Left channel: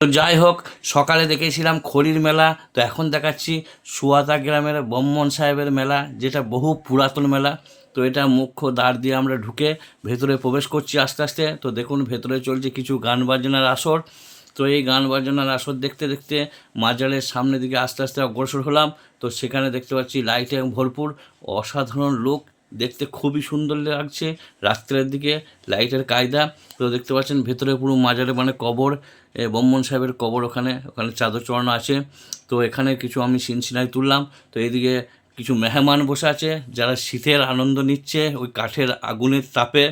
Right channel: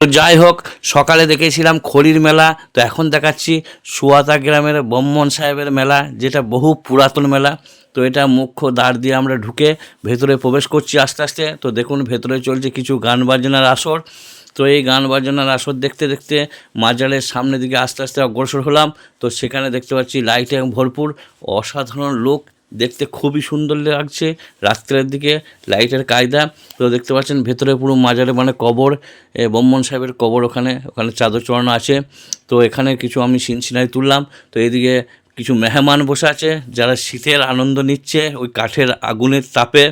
তো যাই হোক, সকালে দেখেছিলাম খড়ির মেলা, তো এখন দেখাচ্ছি সুয়াতা গ্রামের ব্রাহ্মণ সাহেবের মেলা, যেটা বহু পুরাতন মেলা। তো এটা মুখ্য দ্বার দিয়ে আমরা ঢুকে ভেতরে প্রবেশ করছি আস্তে আস্তে। তো দেখুন ভেতরে চলছে কিছু গান বাজনার আসর। তো এই গান বাজনার আসর দেখতে দেখতে মাজারের সামনের দিকে আস্তে আস্তে অগ্রসর হলাম। তো সেখানে দেখতে পাচ্ছি লাইটে ভরপুর, অসাধারণ লোক, দেখতে খুবই সুন্দর লাগছে রাত্রের দিকে লাইটের কায়দা। তো দেখতে পাচ্ছেন ভেতরে পুরো মাজারে মানে কবর, ব্রাহ্মণ সাহেবের কবর, ওখানে ওখানে চাদর চড়ানো আছে। তো এখানে কিছু আমি সিনারি তুললাম। তো এইদিকে কিছু মেহমান বসে আছে যারা শীতের আনন্দ নিচ্ছে ওই কাঠের আগুনের তাপে।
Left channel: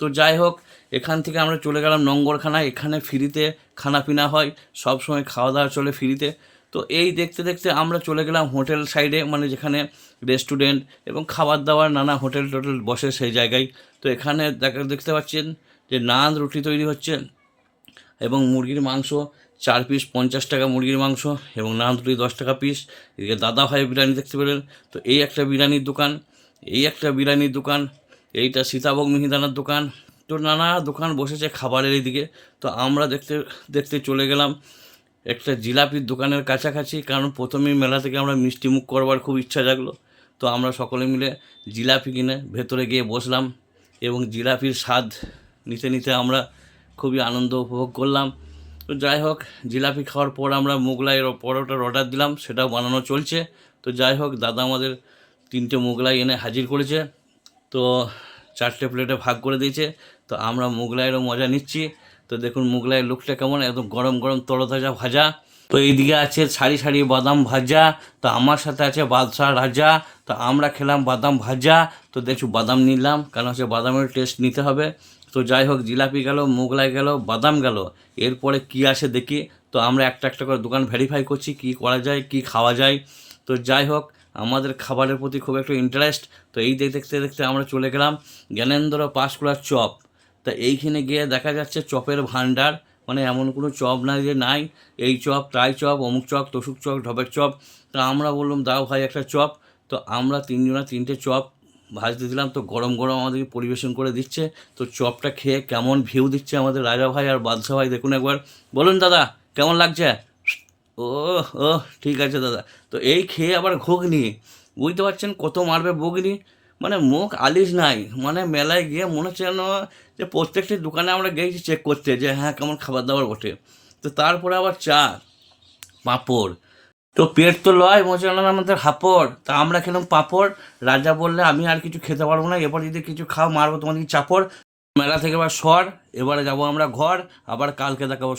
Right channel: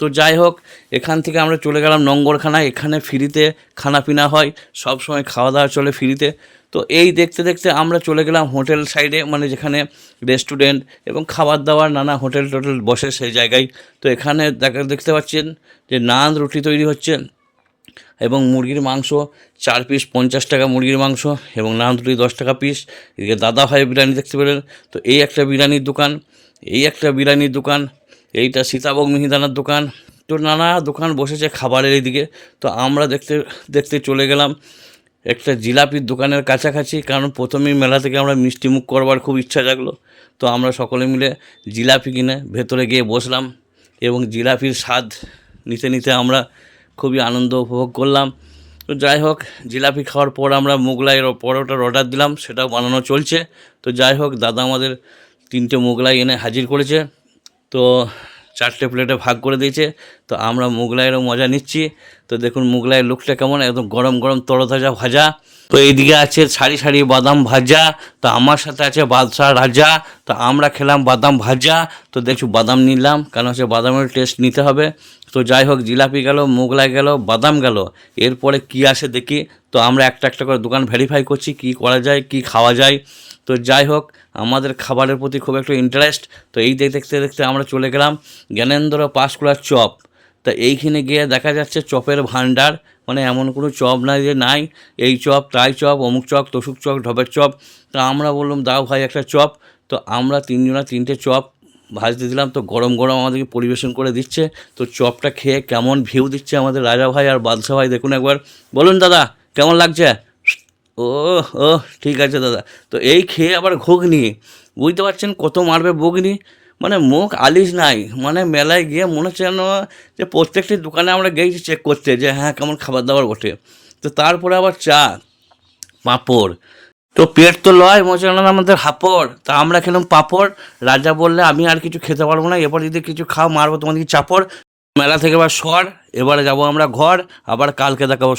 তো যাই হোক, এখান থেকে আমরা চলে গেলাম নঙ্গরখানায়। এখানে ফ্রিতে খানা পিনা হয়, সব সময় খাওয়া দাওয়া চলে ফ্রিতে। তো এই দেখতে দেখতে আমরা চলে গেলাম হোটেল সাইডে, মানে যেখানে রেস্টুরেন্ট এবং খাবার দাবার নানা হোটেল টোটেল বসে সেই জায়গায়। তো এখানে দেখতে পাচ্ছেন যে নান রুটি তৈরি হচ্ছে এবং মুরগির মাংস 4 পিস 50 টাকা মুরগির মাংস, এবং নান রুটি 10 টাকা পিস। এদিকে দাদা ভাই বিরিয়ানি দেখতে পেলেন। তো এই একটা বিরিয়ানির দোকান, এই একটা বিরিয়ানির দোকান, এইটা সীতাভোগ মিহিদানার দোকান। তো নানা দোকান বসেছে খাবারের এইদিকে। তো আমরা দেখতে দেখতে চলে গেলাম একটা জিলাপির দোকানের কাছাকাছি, কারণ প্রথমেই মেলা থেকে আমরা মিষ্টি মুখ করবার খুব ইচ্ছা জাগলো। তো আমরা সকলে মিলে জিলাপি কিনে ভেতরে গিয়ে বসলাম এবং জিলাপির স্বাদ নিতে নিতে আমরা খুবই আনন্দ উপভোগ করলাম। তো যাই হোক, জিলাপি খাওয়ার পর আমরা মোগলাই পরোটার অর্ডার দিলাম, সেটাও বানানো চলছে। তো যাই হোক, দাদা আমাদের 3টে মোগলাই এনে হাজির করেছে। তো 4টে প্লেটে ভাগ করে দিয়েছে। তো আমরা মোগলাইয়েরও মজা নিচ্ছি। তো দেখুন মোগলাইয়ের লুকটা কেমন, একদম গরম গরম তরতাজা ভাজা। তো এইদিকে আছে সারি সারি বাদাম ভাজা। তো আমার সাথে আছে বাদশাহ রাজা। তো আমরা খেলাম বাদাম ভাজা। তো দেখছি বাদাম নিলাম, কারণ হচ্ছে বাদামের টেস্ট নিতে হবে। তো যাই হোক, জিলাপি গেল, মোগলাই গেল, বাদাম গেল, এরপরে কি আসে দেখি। তো আমরা একটা একটা করে দোকান ভেরিফাই করছি কি করা যায়, কি খাওয়া যায়। তো যাই হোক, আমাদের খাবারের প্রতি খুব একটা ইন্টারেস্ট। তো এই দেখতে দেখতে আমরা চলে গেলাম জ্ঞানেন্দ্র পাঁশকুড়ার চপ। তা এইখানে গিয়ে দেখা যাচ্ছে চপের ভাণ্ডার, মানে এমন কোনো চপ নাই যে নাই, এই চপ তাই চপ, অমুক চপ তসুক চপ ঢপের চপ। তা আমরা বললাম দাও ভাই একটা চপ। তো আমরা 3টে চপ ভাজতে দিলাম। তো গরম গরম আমাদেরকে পরিবেশন করে দিচ্ছে। তো চপটা খেয়ে কেমন ভিউ দিচ্ছে আমাদের রাজা ভাই আর বাদশা ভাই, দেখুন একবার। বলুন দাদা কেমন লাগছে? ও, ও, ঠিক আছে দাদা। তো এই খেয়ে আবার ঘুগনি, বুঝতে পারছেন কত মারবে ঘুগনি, মানে মুখ আলিশ নাই। মানে মেলায় গিয়ে মনে হচ্ছে যেন যে প্রত্যেকটি দোকানে আমরা গিয়েছি চেক করতে যে হ্যাঁ কেমন খাবার দাবার বটে। তো তারপরে আবার চা, পাঁপড়। তো পেট তো লয় মোচানো আমাদের হাঁপড়। তা আমরা খেলাম পাঁপড়। রাজা বললে আমি আর কিছু খেতে পারবো না, এবার যদি কিছু খাও মারবো তোমাদেরকে চাপড়। মেলা থেকে এবার সর, এবারে যাবো আমরা ঘর, আবার কালকে দেখাবো।